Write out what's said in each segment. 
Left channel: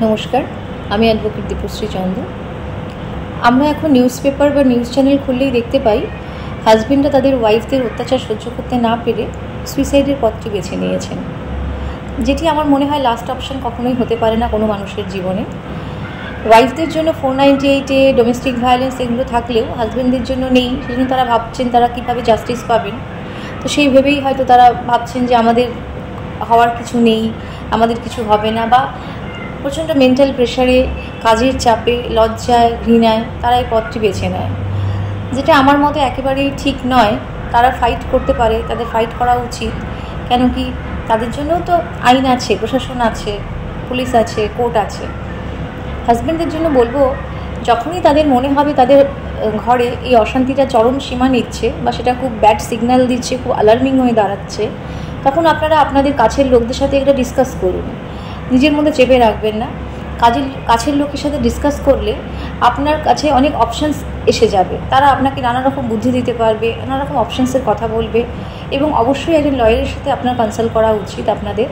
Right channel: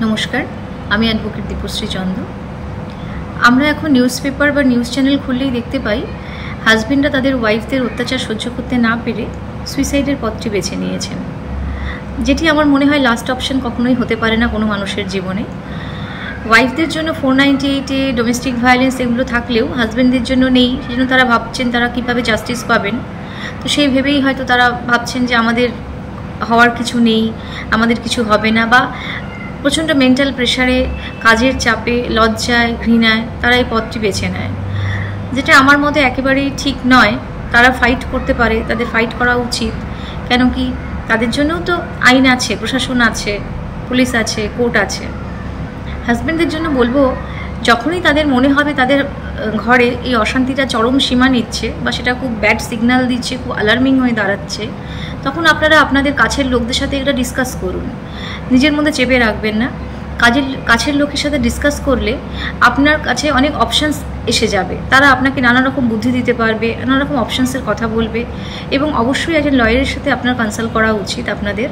নমস্কার, আমি অ্যাডভোকেট দীপশ্রী চন্দ। আমরা এখন নিউজ পেপার বা নিউজ চ্যানেল খুললেই দেখতে পাই হাজবেন্ডরা তাদের ওয়াইফদের অত্যাচার সহ্য করতে না পেরে সুইসাইডের পথটি বেছে নিয়েছেন, যেটি আমার মনে হয় লাস্ট অপশন কখনোই হতে পারে না কোনো মানুষের জীবনে। ওয়াইফদের জন্য 498-এ ডোমেস্টিক ভায়োলেন্স এগুলো থাকলেও হাজবেন্ডদের জন্য নেই, সেজন্য তারা ভাবছেন তারা কীভাবে জাস্টিস পাবেন। তো সেই ভেবেই হয়তো তারা ভাবছেন যে আমাদের হওয়ার কিছু নেই, আমাদের কিছু হবে না, বা প্রচণ্ড মেন্টাল প্রেশারে, কাজের চাপে, লজ্জায়, ঘৃণায় তারা এই পথটি বেছে নেয়, যেটা আমার মতে একেবারেই ঠিক নয়। তারা ফাইট করতে পারে, তাদের ফাইট করা উচিত। কেন কি, তাদের জন্যও তো আইন আছে, প্রশাসন আছে, পুলিশ আছে, কোর্ট আছে। হাজব্যান্ডদের জন্য বলবো, যখনই তাদের মনে হবে তাদের ঘরে এই অশান্তিটা চরম সীমা নিচ্ছে বা সেটা খুব ব্যাড সিগন্যাল দিচ্ছে, খুব অ্যালার্মিং হয়ে দাঁড়াচ্ছে, তখন আপনারা আপনাদের কাছের লোকদের সাথে এটা ডিসকাস করুন। নিজের মধ্যে চেপে রাখবেন না। কাছের লোকের সাথে ডিসকাস করলে আপনার কাছে অনেক অপশানস এসে যাবে। তারা আপনাকে নানা রকম বুদ্ধি দিতে পারবে, নানা রকম অপশানসের কথা বলবে, এবং অবশ্যই একজন লয়ারের সাথে আপনার কনসাল্ট করা উচিত আপনাদের।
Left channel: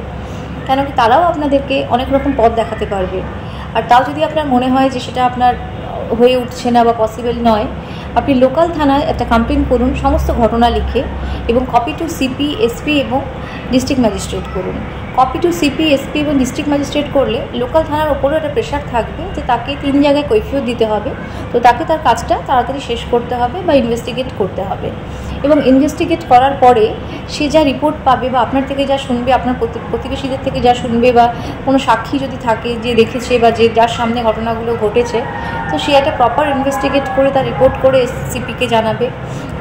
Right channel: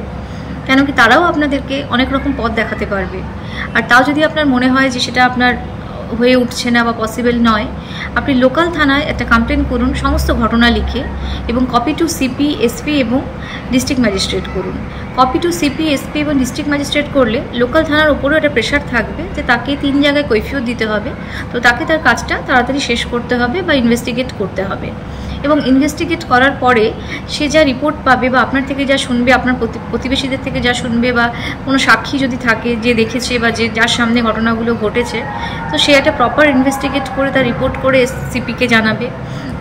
কেন কি, তারাও আপনাদেরকে অনেক রকম পথ দেখাতে পারবে। আর তাও যদি আপনার মনে হয় যে সেটা আপনার হয়ে উঠছে না বা পসিবল নয়, আপনি লোকাল থানায় একটা কমপ্লেন করুন সমস্ত ঘটনা লিখে, এবং কপি টু সিপি, এসপি এবং ডিস্ট্রিক্ট ম্যাজিস্ট্রেট করুন। কপি টু সিপি, এসপি এবং ডিস্ট্রিক্ট ম্যাজিস্ট্রেট করলে লোকাল থানার ওপরেও একটা প্রেশার থাকবে যে তাকে 3 জায়গায় কৈফিয়ত দিতে হবে। তো তাকে তার কাজটা তাড়াতাড়ি শেষ করতে হবে বা ইনভেস্টিগেট করতে হবে, এবং ইনভেস্টিগেট করার পরে সে যা রিপোর্ট পাবে বা আপনার থেকে যা শুনবে, আপনার প্রতিবেশীদের থেকে যা শুনবে, বা কোনো সাক্ষী যদি থাকে যে দেখেছে বা যে যার সামনে ঘটনাগুলো ঘটেছে, তো সে একটা প্রপার ইনভেস্টিগেট করে তার রিপোর্ট করে সিপিকে জানাবে,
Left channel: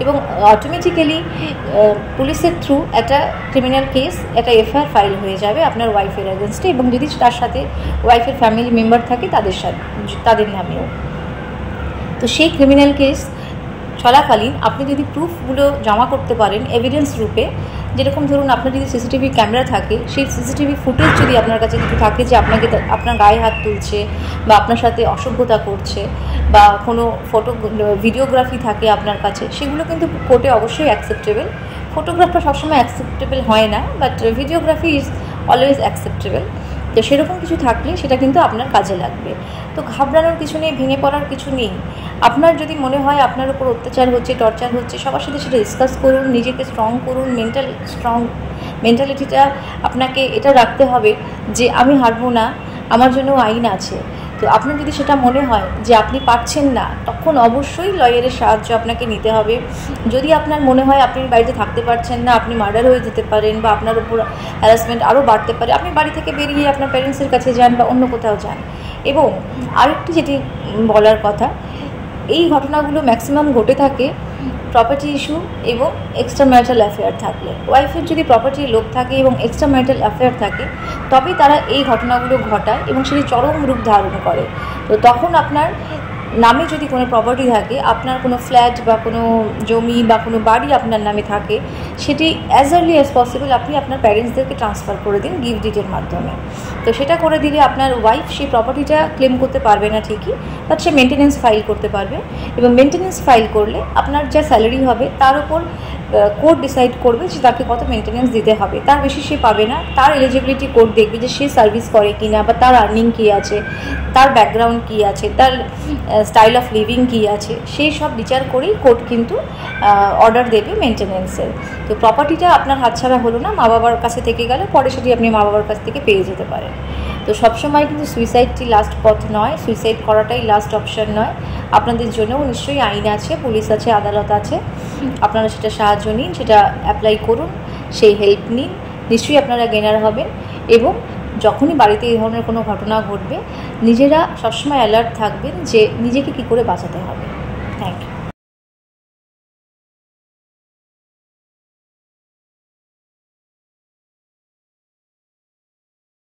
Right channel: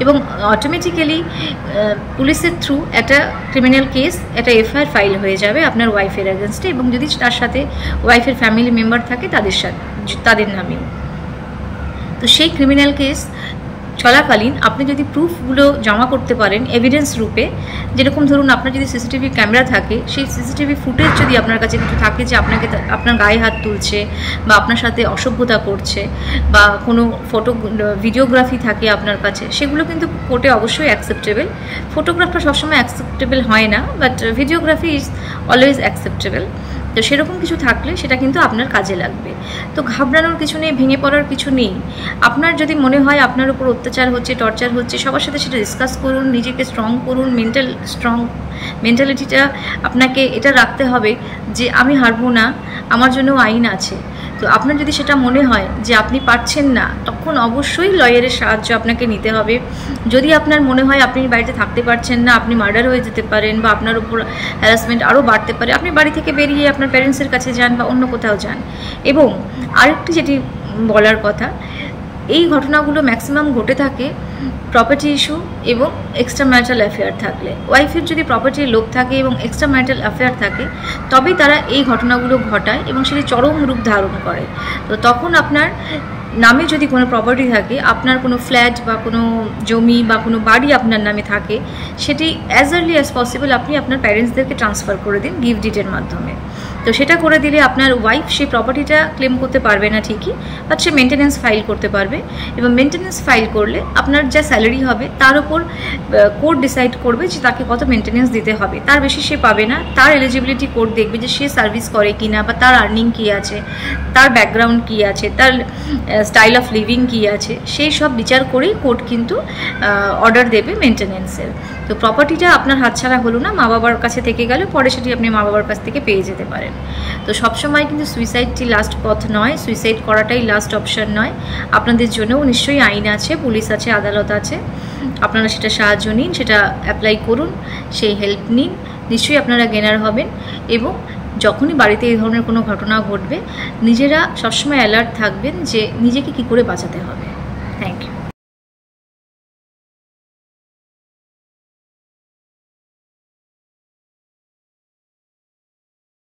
এবং অটোমেটিক্যালি পুলিশের থ্রু একটা ক্রিমিনাল কেস, একটা এফআইআর ফাইল হয়ে যাবে আপনার ওয়াইফের এগেনস্টে, এবং যদি তার সাথে ওয়াইফের ফ্যামিলি মেম্বার থাকে তাদের নামেও। তো সেই ক্রিমিনাল কেস চলাকালীন আপনি যদি প্রুফগুলো জমা করতে পারেন এভিডেন্স রূপে, যেরকম ধরুন আপনার যদি সিসিটিভি ক্যামেরা থাকে, সেই সিসিটিভি ফুটেজ যদি আপনার কাছে কিছু থাকে যে আপনার গায়ে হাত তুলছে বা আপনার সাথে অসভ্যতা করছে, বা কোনো ভিডিওগ্রাফি থাকে আপনার কাছে, সেগুলো কিন্তু কোর্টে অবশ্যই অ্যাকসেপ্টেবল। ফটোগ্রাফটা সবসময় অ্যাকসেপ্টেবল হয় না, but videography is always acceptable. তো সেরকম কিছু থাকলে সেটা কিন্তু আপনার কাজে লাগবে। তো ঘাবড়ানোর কিছু নেই, ভেঙে পড়ার কিছু নেই। আপনার যদি মনে হয় আপনার উপর অত্যাচার হচ্ছে, টর্চার হচ্ছে, সবার সাথে সেটা ডিসকাস করুন, নিজেকে স্ট্রং করুন। মেন্টালিটিটা আপনাকে এটা রাখতে হবে যে আমি হারবো না, আমার জন্য আইন আছে। তো আপনার যদি সেটা মনে হয় যে আপনি পারছেন না, তখন অবশ্যই লয়ারের সাহায্য আপনাকে নিতে হবে। যদি আপনার মনে হয় আপনি বাড়িতে থাকতে পারছেন না, আপনি মার্ডার হয়ে যেতে পারেন বা আপনার উপর হ্যারাসমেন্ট আরও বাড়তে পারে, আপনি বাড়ি থেকে বেরিয়ে আপনার প্যারেন্টসের কাছে যান বা অন্য কোথাও যান। এবং আরেকটি যেটি বলার কথা, এই ঘটনাগুলো ম্যাক্সিমাম ঘটে থাকে প্রপার্টি ইস্যু এবং এক্সট্রা ম্যারিটাল অ্যাফেয়ার থাকলে। ওয়াইফের যদি প্রপার্টির লোভ থাকে এবং এক্সট্রা ম্যারিটাল অ্যাফেয়ার থাকে, তবেই তারা এই ঘটনাগুলো ঘটায় এবং সেটি চরম রূপ ধারণ করে। তো তখন আপনার নামে যদি কোনো প্রপার্টি থাকে, আপনার কোনো ফ্ল্যাট বা কোনো জমি বা কোনো বাড়ি আপনার নামে থাকে, সেটি অ্যাজ আর্লি অ্যাজ পসিবল আপনি আপনার প্যারেন্টসদেরকে ট্রান্সফার করে দিন গিফট ডিডের মাধ্যমে। তো সেটা করে দিলে আপনার ওয়াইফ সেই প্রপার্টিটা ক্লেম করতে পারবে না ঠিকই, বাট সে মেনটেন্যান্স ফাইল করতে পারবে, এবং মেনটেন্যান্স ফাইল করলে আপনার যা স্যালারি হবে তার উপর কোর্ট ডিসাইড করবে যে তাকে কত মেনটেন্যান্স দিতে হবে। তার বেশি সে পাবে না। তার এলিজিবিলিটি কোর্ট দেখবে যে সে সার্ভিস করে কি না, বা তার আর্নিং কী আছে, তার ব্যাকগ্রাউন্ড কী আছে, তার স্টাইল অফ লিভিং কী আছে, সেই সব বিচার করেই কোর্ট কিন্তু অর্ডার দেবে মেনটেন্যান্সের। তো প্রপার্টিটা আপনার হাতছাড়া হলো না, মা বাবার কাছে থেকে গেল, পরে সেটি আপনি মা বাবার কাছ থেকে পেয়ে যেতে পারেন। তো সবসময় কিন্তু সুইসাইডটি লাস্ট পথ নয়, সুইসাইড করাটাই লাস্ট অপশন নয়। আপনাদের জন্যও নিশ্চয়ই আইন আছে, পুলিশ আছে, আদালত আছে। আপনারা সেটা সাহায্য নিন, সেটা অ্যাপ্লাই করুন, সেই হেল্প নিন, নিশ্চয়ই আপনারা গেনার হবেন। এবং যখনই বাড়িতে এই ধরনের কোনো ঘটনা ঘটবে, নিজেরা সবসময় অ্যালার্ট থাকবেন যে নিজেকে কী করে বাঁচাতে হবে।